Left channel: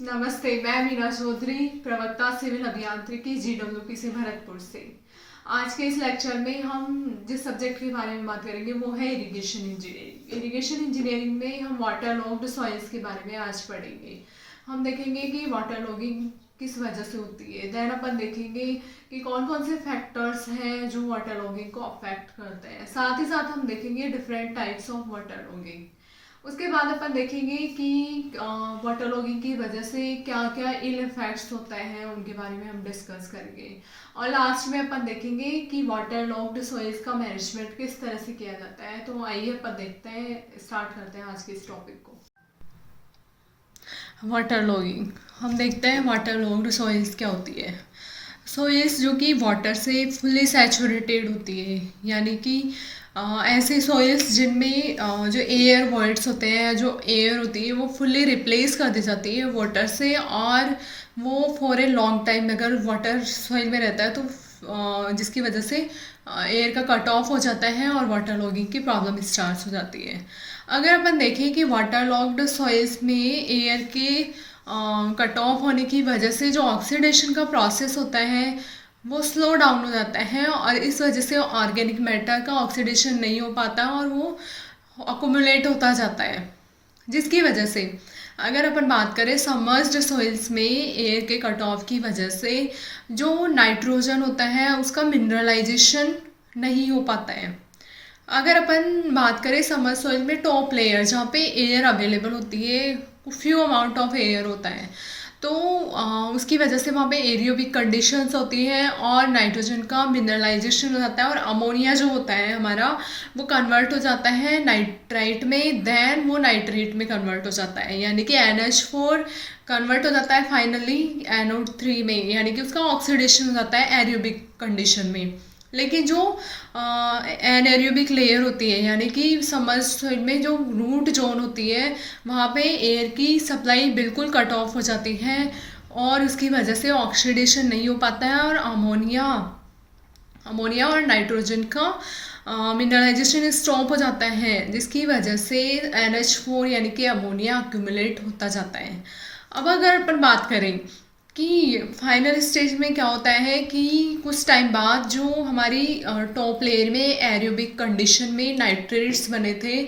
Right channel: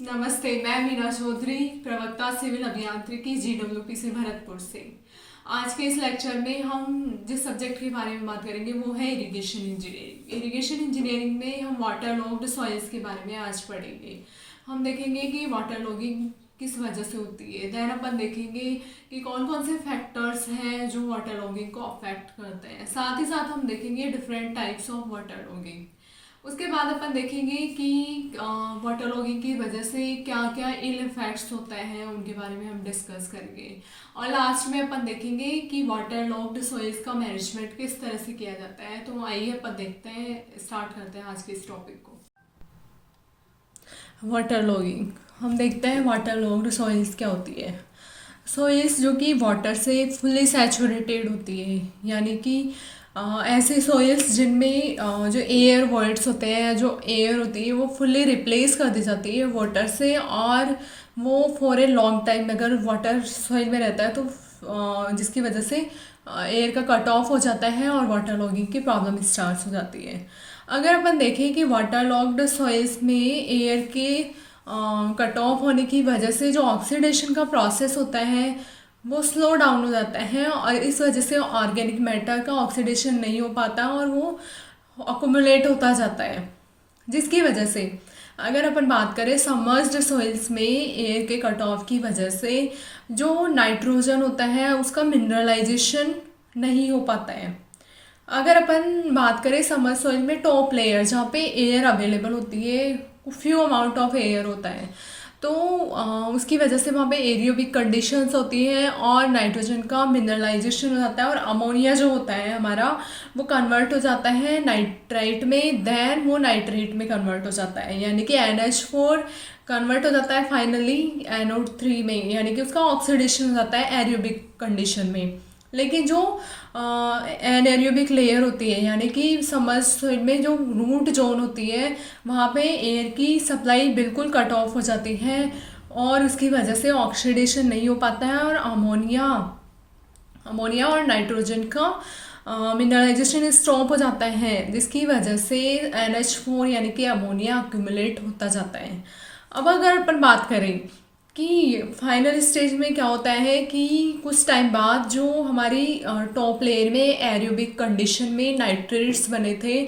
नमस्ते, मैं मीना चौधरी, प्रवक्ता सिविल अभियांत्रिकी GWP से भरतपुर से। आज के इस लेक्चर में हम जिस सब्जेक्ट के बारे में बात करेंगे वो है इरिगेशन इंजीनियरिंग। इरिगेशन इंजीनियरिंग में हम वाटर लॉग्ड सॉइल्स के बारे में आज पढ़ेंगे। हम देखेंगे कि वाटर लॉगिंग किस वजह से होती है। देन अपन देखेंगे कि कौन कौन से फैक्टर्स हैं जो वाटर लॉगिंग को अफेक्ट करते हैं। साथ ही साथ हम देखेंगे different types of water logging. उसके बाद अपन देखेंगे कि वाटर लॉगिंग की वजह से क्या क्या इल इफेक्ट्स होते हैं, उनके बारे में हम डिस्कस करेंगे। और लास्ट में अपन देखेंगे कि वाटर लॉग्ड सॉइल्स का मैनेजमेंट किस तरह से किया जाता है। तो आइए अपन देखते हैं, स्टार्ट करते हैं आज के इस टॉपिक को। वाटर लॉगिंग, हम देखते हैं वाटर लॉग्ड सॉइल्स क्या होती है। सॉइल्स जो कि वाटर से फुली सैचुरेटेड होती है, यानी कि ऐसे सॉइल्स जिनमें जो एयर वॉइड्स होते हैं, जो एयर होती है वो फुल्ली रिप्लेस कर दी जाती है वाटर से, और वो फॉर ए लॉन्ग टाइम अगर वाटर सॉइल में रहता है तो जिसकी वजह से एयर का कट ऑफ हो जाता है और वाटर लॉगिंग की प्रॉब्लम स्टार्ट हो जाती है। अगर अपन देखें कि वाटर लॉग्ड सॉइल्स में एयर के कट ऑफ होने की वजह से जो ऑक्सीडेशन का प्रोसेस होता है वो स्लो डाउन हो जाता है, और इस वजह से ऑर्गेनिक मैटर का ऑक्सीडेशन नहीं हो पाता और वो अकोमुलेट होता जाता है, जिसकी वजह से अगर अपन बात करें सबमर्ज्ड सॉइल्स में एयर के कट ऑफ की वजह से जो नाइट्रोजन होता है उसका मिनरलाइजेशन नहीं हो पाता है। अगर अपन बात करें सबमर्ज्ड सॉइल में टॉप लेयर जहाँ पे एयर अवेलेबल होती है, फ्यू अमाउंट ऑफ एयर होता है, तो उसकी वजह से वहाँ पे एरियोबिक कंडीशंस होती हैं और नाइट्रोजन का मिनरलाइजेशन हो जाता है, और अमोनिया जो होता है हमारा वो कन्वर्ट हो जाता है नाइट्राइट में, देन वो नाइट्रेट में कन्वर्ट हो जाता है, यानी कि NH4 कन्वर्ट हो जाता है फाइनली NO3 में, यानी कि उसका ऑक्सीडेशन हो जाता है एरियोबिक कंडीशन में। लेकिन जो एनएरियोबिक लेयर होती है, यानी कि सबमर्ज्ड सॉइल में जो रूट जोन होती है वहाँ पे एयर की सप्लाई बिल्कुल कट ऑफ हो जाती है और उसकी वजह से ऑक्सीडेशन नहीं हो पाता है, और अमोनिया और नाइट्रोजन का मिनरलाइजेशन स्टॉप हो जाता है, जिसकी वजह से NH4 यानी कि अमोनिया अक्यूमुलेट होता जाता है। अब अगर अपन बात करें कि फाइनल स्टेज में क्या होता है कि कुछ टाइम बाद जो हमारी टॉप लेयर में एरोबिक कंडीशन में नाइट्रेट्स बने थे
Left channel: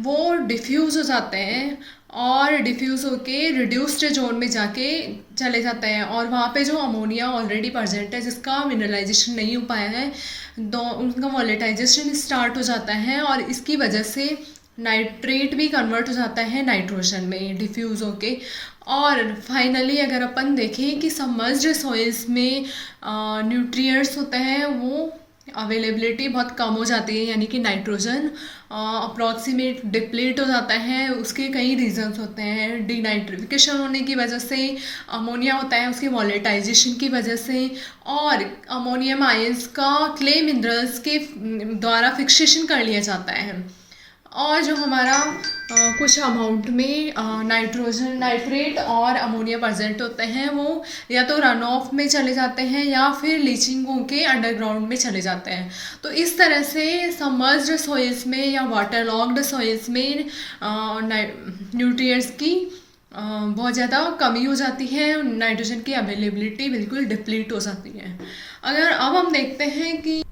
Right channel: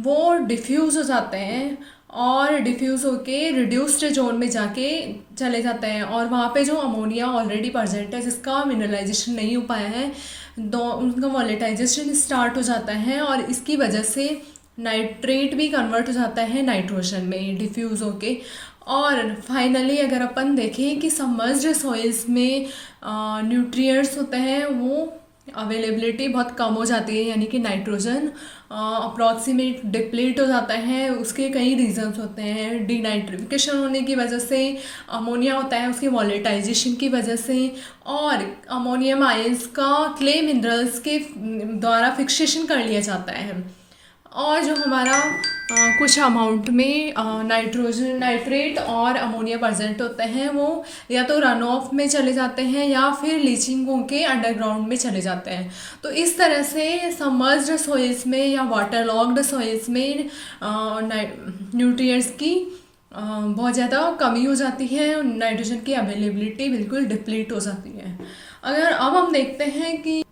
वो डिफ्यूज़ हो जाते हैं, और डिफ्यूज़ होके रिड्यूस्ड जोन में जाके चले जाते हैं, और वहाँ पे जो अमोनिया ऑलरेडी प्रेजेंट है जिसका मिनरलाइजेशन नहीं हो पाया है, उनका वॉलेटाइजेशन स्टार्ट हो जाता है, और इसकी वजह से नाइट्रेट भी कन्वर्ट हो जाता है नाइट्रोजन में डिफ्यूज़ होके। और फाइनली अगर अपन देखें कि सबमर्ज्ड सॉइल्स में न्यूट्रिएंट्स होते हैं वो अवेलेबिलिटी बहुत कम हो जाती है, यानी कि नाइट्रोजन अप्रॉक्सीमेट डिप्लीट हो जाता है। उसके कई रीजंस होते हैं, डीनाइट्रिफिकेशन होने की वजह से, अमोनिया होता है उसकी वॉलेटाइजेशन की वजह से, और अमोनियम आयंस का क्ले मिनरल्स के द्वारा फिक्सेशन कर लिया जाता है, और जो हमारा कुछ अमाउंट में नाइट्रेट और अमोनिया प्रेजेंट होते हैं वो या तो रन ऑफ में चले जाते हैं या फिर लीचिंग होके अंडरग्राउंड में चले जाते हैं। तो इस तरह से सबमर्ज्ड सॉइल्स में या वाटर लॉग्ड सॉइल्स में न्यूट्रिएंट्स की बहुत ज़्यादा कमी हो जाती है, नाइट्रोजन की अवेलेबिलिटी बिल्कुल डिप्लीट हो जाती है। अगर अब हम देखते हैं कि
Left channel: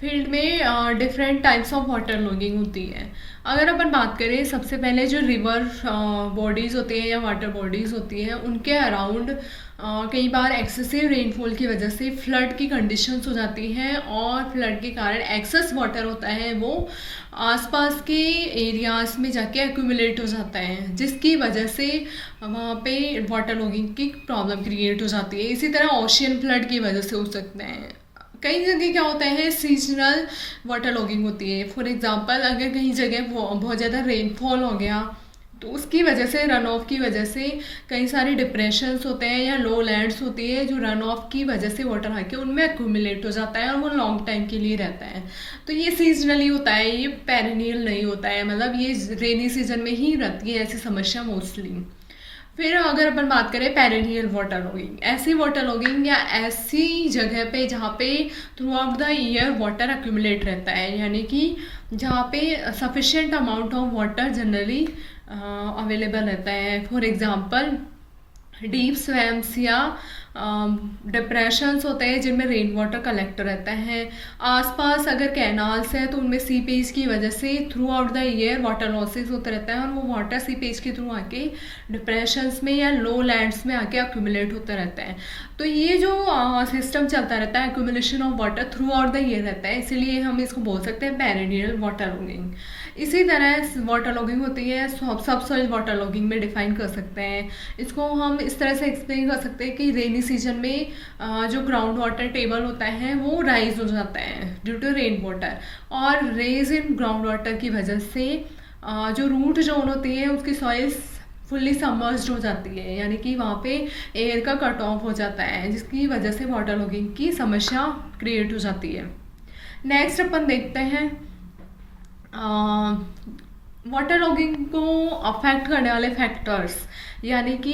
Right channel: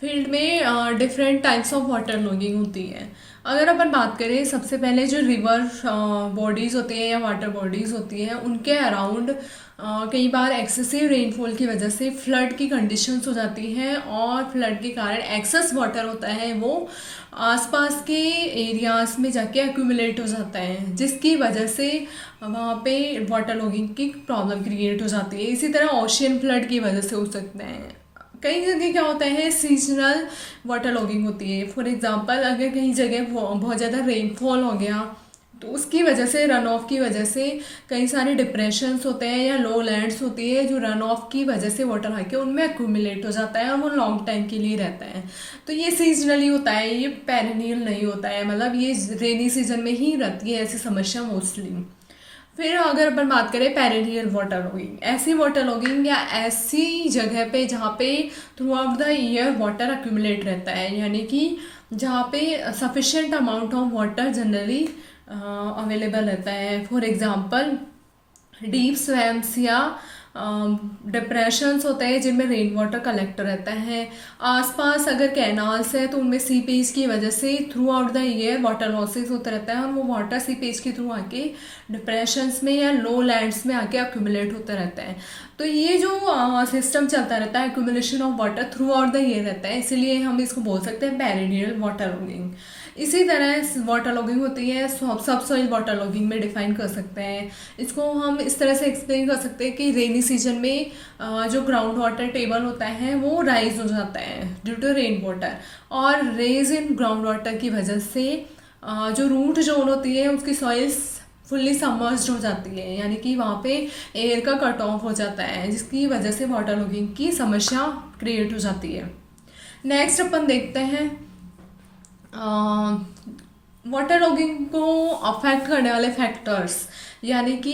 फील्ड में different types of water logging होती है। अगर अपन बात करें, सबसे पहले जो रिवर बॉडीज़ होती हैं या वाटर बॉडीज़ होती हैं उनके अराउंड कई बार एक्सेसिव रेनफॉल की वजह से फ्लड की कंडीशंस हो जाती हैं, और फ्लड के कारण एक्सेस वाटर होता है वो आसपास के एरियाज़ में जाके एक्यूमुलेट हो जाता है, जिसकी वजह से वहाँ पे वाटर लॉगिंग की प्रॉब्लम क्रिएट हो जाती है। इसी तरह ओशियन फ्लड की वजह से हो सकते हैं। कई जगह क्या होता है, सीजनल वाटर लॉगिंग होती है। फॉर एग्जांपल अगर कहीं जगह बहुत ज़्यादा रेनफॉल हो गया तो उसकी वजह से, रन ऑफ की वजह से कई सारे डिप्रेशंस होते हैं या लो लैंड्स होती है जो रन ऑफ की वजह से वाटर आके उनमें एक्यूमुलेट हो जाता है और वो लॉन्ग टाइम के लिए रहता है। तो ये सीजनली होता है, ये पेरेनियल नहीं होता है, मतलब ये रेनी सीजन में ही रहती है ऐसी समस्या मोस्टली। फिर अगर अपन बात करें पेरेनियल वाटर लॉगिंग, ऐसी वाटर लॉगिंग या ऐसी जगह पे जहाँ पे through out the year water accumulate रहता है, यानी कि जहाँ पे sufficient amount of water generally available रहता है। फॉर एग्ज़ाम्पल डीप स्वैम्स या डिप्रेशंस होते हैं जिनमें रेन वाटर कलेक्ट रहता है। आसपास अगर कैनाल्स है तो उनमें सीपेज की वजह से through out the year water losses होता रहता है और वो वाटर सीपेज के थ्रू आके डिप्रेशंस में या लो लैंड्स में आके अक्यूमुलेट होता रहता है। तो ये जो सिस्टम चलता रहता है accumulation of water through out the year रहता है, इसीलिए हम इसको बोल सकते हैं पेरिडियल वाटर लॉगिंग। इसी तरह वाटर लॉगिंग होती है सब सॉइल वाटर लॉगिंग में डिफाइन कर सकते हैं। इसको हम इस तरह से एक्सप्लेन कर सकते हैं कि रेनी सीजन में जो ग्राउंड वाटर टेबल होता है वो राइज हो जाता है ड्यू टू रेन वाटर, और रेज इन ग्राउंड वाटर की वजह से जो रूट जोन होती है उसकी सॉइल्स फुल्ली सबमर्ज्ड हो जाती है, यानी कि वहाँ पे एयर का कट ऑफ हो जाता है जिसकी वजह से वाटर लॉगिंग की समस्या क्रिएट हो जाती है। नेक्स्ट अपन देखते हैं वाटर लॉगिंग को अफेक्ट करने वाले फैक्टर्स, यानी कि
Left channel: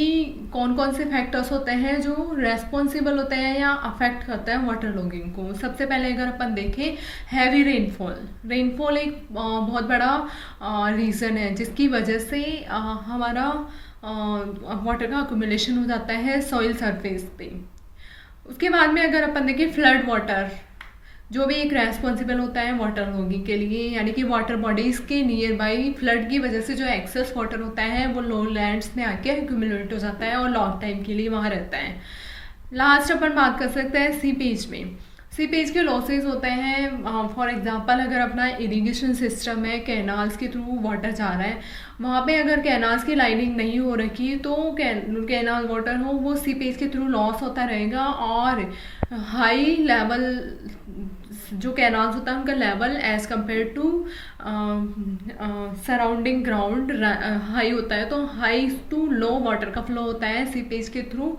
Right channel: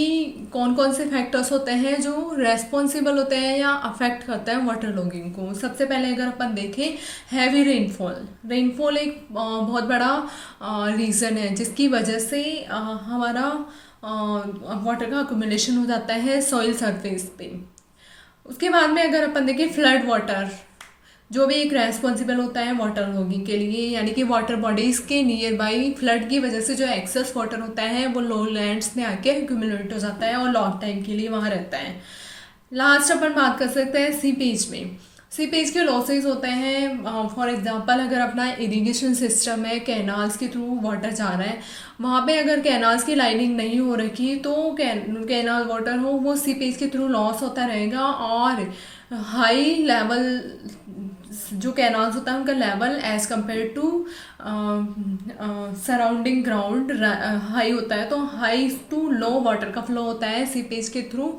कौन कौन से फैक्टर्स होते हैं जो रेस्पॉन्सिबल होते हैं या अफेक्ट करते हैं वाटर लॉगिंग को। सबसे पहले अगर अपन देखें हैवी रेनफॉल एक बहुत बड़ा रीज़न है जिसकी वजह से हमारा वाटर का अक्यूमुलेशन हो जाता है सॉइल सरफेस पे। उसके बाद में अगर अपन देखें फ्लड वाटर, जो भी एक रेस्पॉन्सिबल होता है वाटर लॉगिंग के लिए, यानी कि वाटर बॉडीज़ के नियर बाई फ्लड की वजह से जो एक्सेस वाटर होता है वो लो लैंड्स में आके एक्यूमुलेट हो जाता है और लॉन्ग टाइम के लिए वहाँ रहता है। लास्ट अपन बात कर सकते हैं सीपेज के लॉसेज होते हैं। फॉर एग्जांपल अगर अपना इरिगेशन सिस्टम है, कैनाल्स के थ्रू वाटर जा रहा है, वहाँ पे अगर कैनाल्स की लाइनिंग नहीं हो रखी तो कैनाल वाटर हो वो सीपेज के थ्रू लॉस होता रहेगा और हाई लेवल जो कैनाल्स होता है उनका level as compared to surrounding ground high होता है, तो हाई टू लो वाटर का फ्लो होता है सीपेज के थ्रू,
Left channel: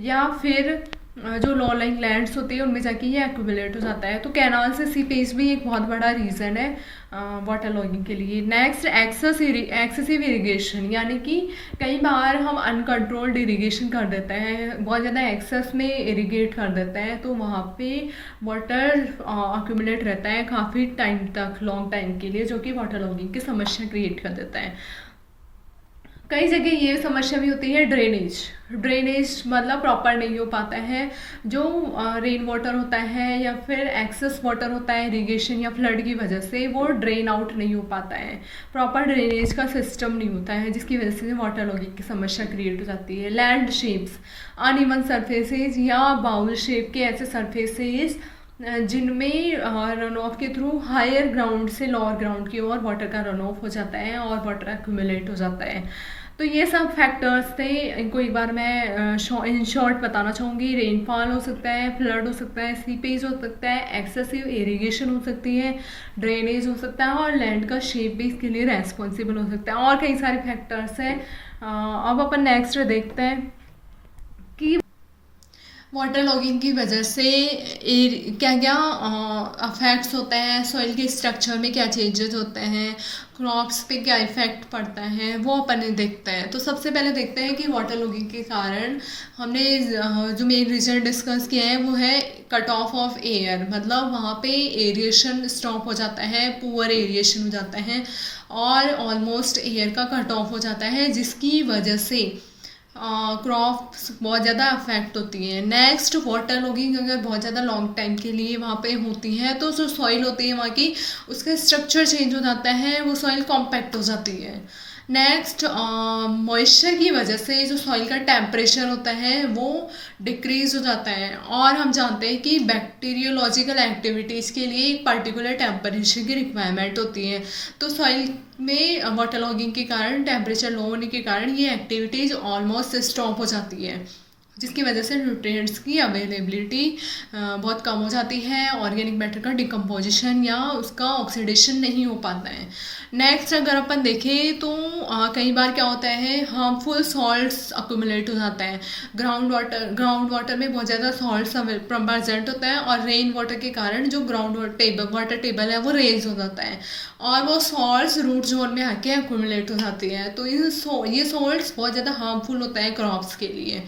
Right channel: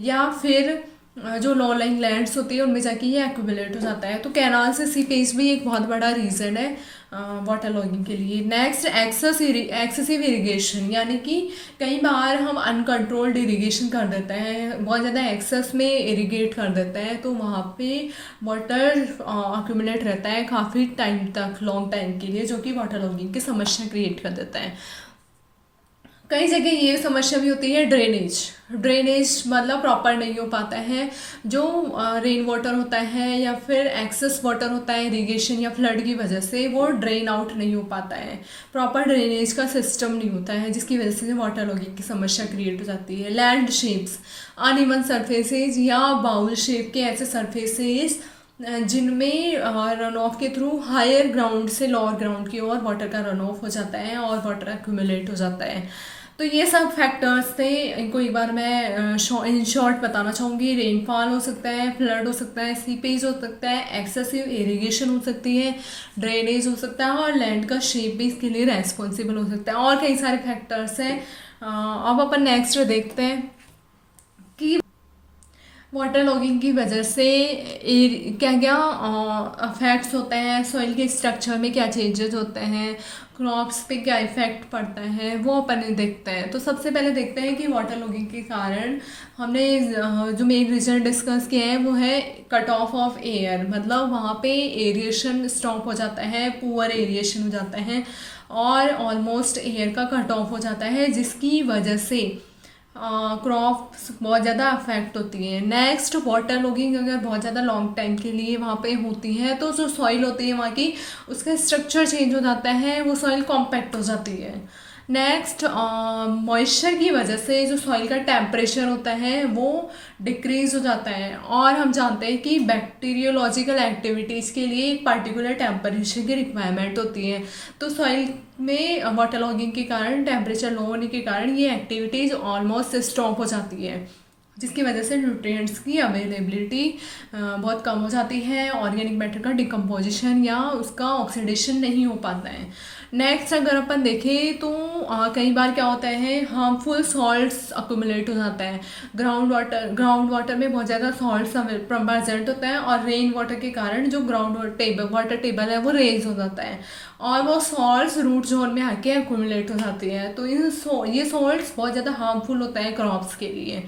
या फिर जो लो लाइंग लैंड्स होती है उनमें जाके ये एक्यूमुलेट हो जाता है। तो कैनाल से सीपेज भी एक बहुत बड़ा रीज़न है वाटर लॉगिंग के लिए। नेक्स्ट एक्सेसिव इरिगेशन, यानी कि कई बार हम अनकंट्रोल्ड इरिगेशन कर देते हैं, बहुत ज़्यादा एक्सेस में इरिगेट कर देते हैं, तो वहाँ पे वाटर अक्यूमुलेट रहता है काफ़ी टाइम तक, लॉन्ग टाइम के लिए, जो कि वाटर लॉगिंग की समस्या क्रिएट कर देता है। कई जगह ये समस्या भी होती है ड्रेनेज मतलब प्रॉपर नहीं हो पाता है, जो रेन वाटर होता है या फिर एक्सेस वाटर होता है इरिगेशन या फ्लड की वजह से वो ड्रेन आउट नहीं हो पाता है, प्रॉपर ड्रेनेज का सिस्टम नहीं होता है, जिसकी वजह से वाटर लॉगिंग की समस्या क्रिएट हो जाती है। लैंड शेप्स, अनइवन सरफेसेज या बाउल शेप के ऐसे सरफेसेज जिनमें रन ऑफ के थ्रू हायर ग्राउंड से लोअर ग्राउंड की ओर वाटर का रन ऑफ हो जाता है और वाटर एक्यूमुलेट हो जाता है। तो ये सब फैक्टर्स थे, इनको एक बार मैं इन शॉर्ट बताना चाहूँगी। रेनफॉल हो सकता है, फ्लड हो सकता है, सीपेज हो सकता है, एक्सेसिव इरिगेशन हो सकती है, ड्रेनेज हो सकता है और लैंड का शेप भी इसके लिए रेस्पॉन्सिबल हो सकता है, और कई सारे फैक्टर्स हैं। अब अपन नेक्स्ट देखते हैं कि वाटर लॉगिंग की वजह से क्या क्या अफेक्ट्स होते हैं, सॉइल के स्ट्रक्चर में क्या चेंजेस होते हैं, क्रॉप्स पे क्या इफ़ेक्ट पड़ता है, वो अपन देखते हैं। तो सबसे पहले देखते हैं कि वाटर लॉगिंग के कारण हमने जो मेन रीज़न डिस्कस किया है वो है कट ऑफ एयर, मतलब वहाँ पे एरिएशन स्टॉप हो जाता है, पुअर एरिएशन हो जाता है और ऑलमोस्ट एयर का कट ऑफ हो जाता है, जिसकी वजह से क्रॉप्स बहुत ज़्यादा अफेक्ट होती हैं। नेक्स्ट वाटर लॉगिंग अगर बहुत ज़्यादा लॉन्ग टाइम के लिए वहाँ पे होती है तो जो सॉइल होती है वहाँ की उसका स्ट्रक्चर चेंज हो जाता है, वो सॉइल कॉम्पैक्ट हो जाती है। नेक्स्ट मॉइस्चर की वजह से जो सॉइल का टेम्परेचर होता है वो डिक्रीज़ हो जाता है, और हम जानते हैं कि बैक्टीरियोलॉजिकल एक्टिविटीज़ के लिए एक पर्टिकुलर टेम्परेचर की रिक्वायरमेंट होती है। तो सॉइल में वाटर लॉगिंग के कारण टेम्परेचर लो होने के कारण ये एक्टिविटीज़ ऑलमोस्ट स्टॉप हो जाती है, जिसकी वजह से न्यूट्रिएंट्स की अवेलेबिलिटी बहुत कम हो जाती है, ऑर्गेनिक मैटर का डिकम्पोजिशन या उसका ऑक्सीडेशन नहीं हो पाता है। नेक्स्ट अगर अपन देखें तो कई बार क्या होता है, हार्मफुल सॉल्ट्स अक्यूमुलेट हो जाता है ग्राउंड वाटर में बहुत ज़्यादा सॉल्ट्स प्रेजेंट होता है, और रेन वाटर के कारण जो ग्राउंड वाटर टेबल है वो रेज हो जाता है और वो सॉल्ट्स रूट जोन में आके एक्यूमुलेट हो जाती हैं। तो ये सॉल्ट्स बहुत ज़्यादा हार्मफुल होता है क्रॉप्स के लिए।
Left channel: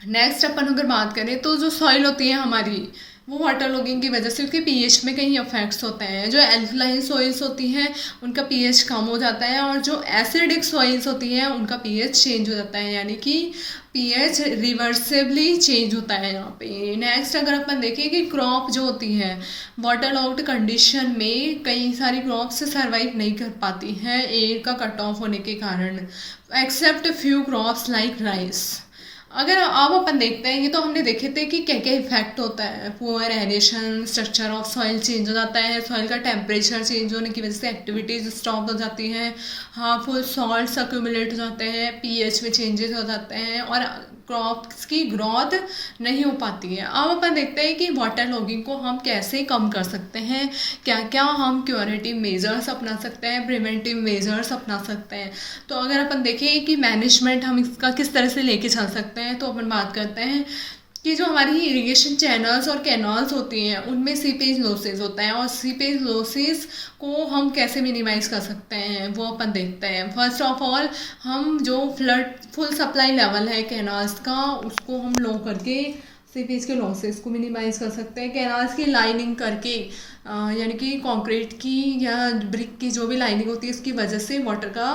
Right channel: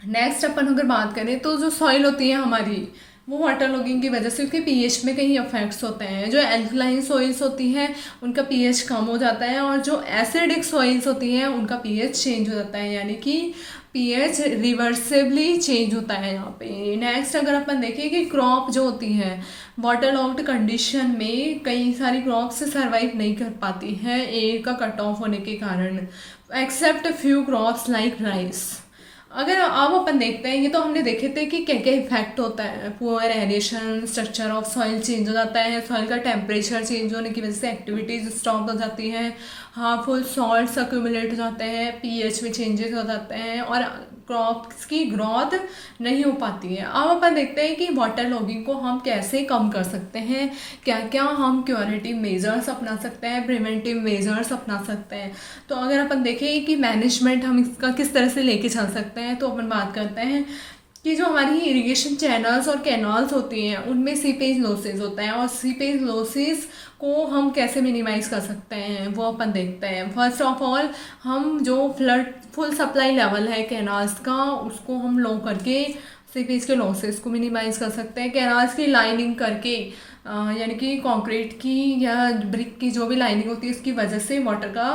नेक्स्ट अपन अगर बात करें तो जो सॉइल होती है हमारी, जो कि वो वाटर लॉगिंग की वजह से उसके पीएच में कहीं इफेक्ट्स होते हैं। जो एल्कलाइन सॉइल्स होती हैं उनका पीएच कम हो जाता है, और जो एसिडिक सॉइल्स होती हैं उनका पीएच चेंज हो जाता है, यानी कि पीएच रिवर्सिबली चेंज होता है यहाँ पे। नेक्स्ट अगर अपन देखें कि क्रॉप जो होती है वाटर लॉग्ड कंडीशन में कई सारी क्रॉप्स सर्वाइव नहीं कर पाती हैं एयर का कट ऑफ होने के कारण, except few crops like rice. अगर अब अपन देखते हैं, ये तो हमने देखे थे कि क्या क्या इफेक्ट होता है। Poor aeration, structure of soil change हो जाता है, सॉइल का टेम्परेचर चेंज होने की वजह से एक्टिविटीज स्टॉप हो जाती हैं, हार्मफुल सॉल्ट्स अक्यूमुलेट हो जाते हैं, पीएच में चेंजेस हो जाते हैं, और क्रॉप्स की ग्रोथ नहीं हो पाती है। अब अपन देखते हैं कि वाटर लॉगिंग को हम कैसे कम कर सकते हैं, क्या क्या हम क्यूरेटिव मेजर्स अपना सकते हैं, प्रिवेंटिव मेजर्स अपना सकते हैं। तो अगर अपन देखें कि मैनेजमेंट हम इसका किस तरह से लेके चल सकते हैं, तो अपन बात करते हैं कि जो हमारी इरिगेशन चैनल्स और कैनाल्स होती हैं उनमें सीपेज लॉसेज होता है, और सीपेज लॉसेज को हम कैसे मिनिमाइज़ कर सकते हैं वो अपन देखते हैं। फर्स्ट ऑफ ऑल हम जो फ्लड फुल सप्लाई लेवल है कैनाल्स का उसको हम लो करके सीपेज के लॉसेज को मिनिमाइज़ कर सकते हैं। कैनाल्स की लाइनिंग करके यानी कि कंक्रीट की या ब्रिक की जो भी लाइनिंग होती है इसकी वजह से वाटर का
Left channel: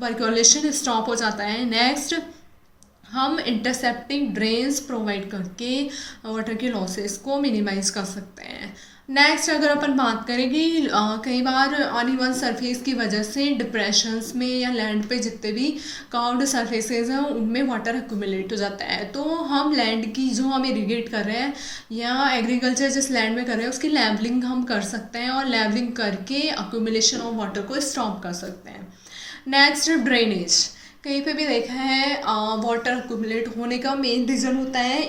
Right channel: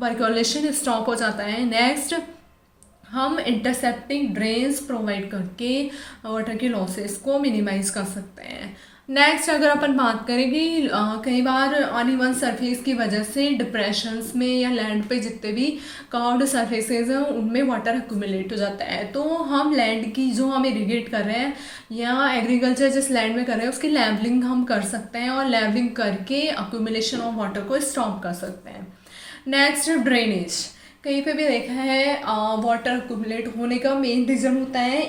पर्कुलेशन स्टॉप हो जाता है। नेक्स्ट हम इंटरसेप्टिंग ड्रेन्स प्रोवाइड करके वाटर के लॉसेस को मिनिमाइज़ कर सकते हैं। नेक्स्ट अगर अपन बात करें कि कई बार अनइवन सरफेस की वजह से डिप्रेशंस में या लैंड पे जितने भी कर्व्ड सरफेसेज हैं उनमें वाटर एक्यूमुलेट हो जाता है, तो हम लैंड की जो हम इरिगेट कर रहे हैं या एग्रीकल्चर जिस लैंड में कर रहे हैं उसकी लेवलिंग हम कर सकते हैं, और लेवलिंग करके एक्यूमुलेशन ऑफ वाटर को स्टॉप कर सकते हैं। नेक्स्ट ड्रेनेज, कहीं पे भी देखा है वाटर एक्यूमुलेट होने का मेन रीज़न होता है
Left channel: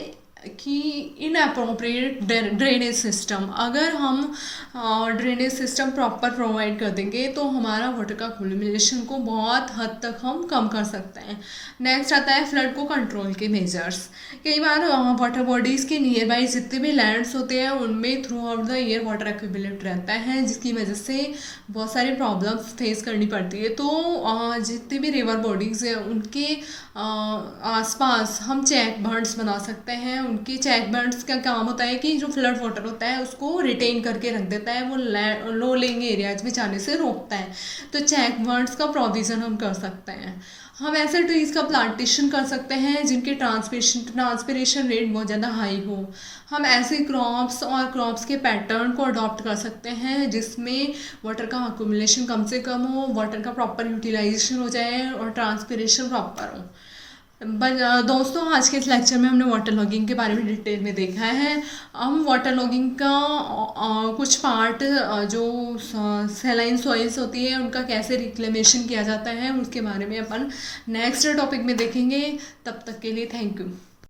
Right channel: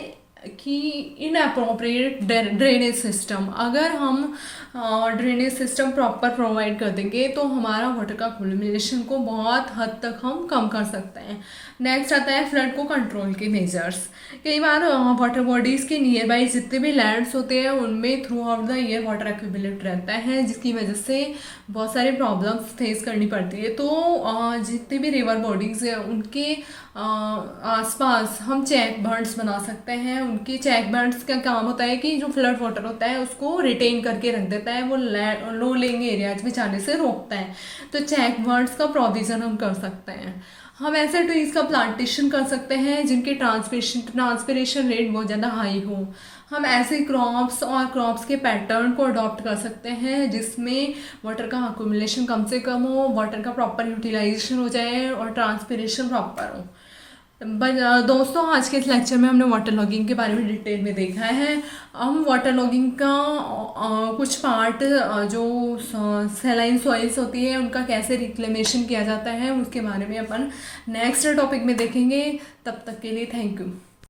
कि इनअप्रोप्रिएट ड्रेनेज सिस्टम। अगर हम ड्रेनेज सिस्टम प्रॉपर प्रोवाइड कर देंगे तो हमारा वाटर का एक्यूमुलेशन को बहुत हद तक हम कम कर सकते हैं। नेक्स्ट आता है फ्लड को कंट्रोल के मेजर्स। कई बार वाटर बॉडीज़ के नियर बाई जितने भी लैंड्स होते हैं उनमें through out the year water accumulate रहता है, जिसकी वजह से बहुत सारी प्रॉब्लम्स फेस करनी पड़ती है। तो जितने भी रिवर बॉडीज़ हैं उनके आसपास हम चेक बर्ड्स बना सकते हैं। उनके चेक बर्ड्स का काम होता है कि जो फ्लड वाटर होता है उसको रिटेन करके रख देता है, वो लो लेइंग एरियाज में जाने से रोकता है। तो चेक बर्ड्स का प्रोविज़न हम कर सकते हैं। हम ऐसे ट्रीज़ का प्लांटेशन कर सकते हैं जिनकी ट्रांसपिरेशन रेट बहुत ज़्यादा हाई हो। हम ऐसे क्रॉप्स और क्रॉप्स के पैटर्न को अडॉप्ट कर सकते हैं जिसमें वाटर का अक्यूमुलेशन कम से कम हो, वाटर का प्रॉपर यूटिलाइजेशन हो जाए और ट्रांसपिरेशन प्रॉपर हो। दोस्तों आज के इस लेक्चर में हमने वाटर लॉगिंग के बारे में डिटेल में देखा है। हम वाटर लॉगिंग का कुछ पार्ट जो सैलाइन सॉइल्स होती है उनका कैसे रिक्लेमेशन किया जाता है उसके बारे में अपन नेक्स्ट टॉपिक में देखेंगे। तब तक के लिए थैंक यू।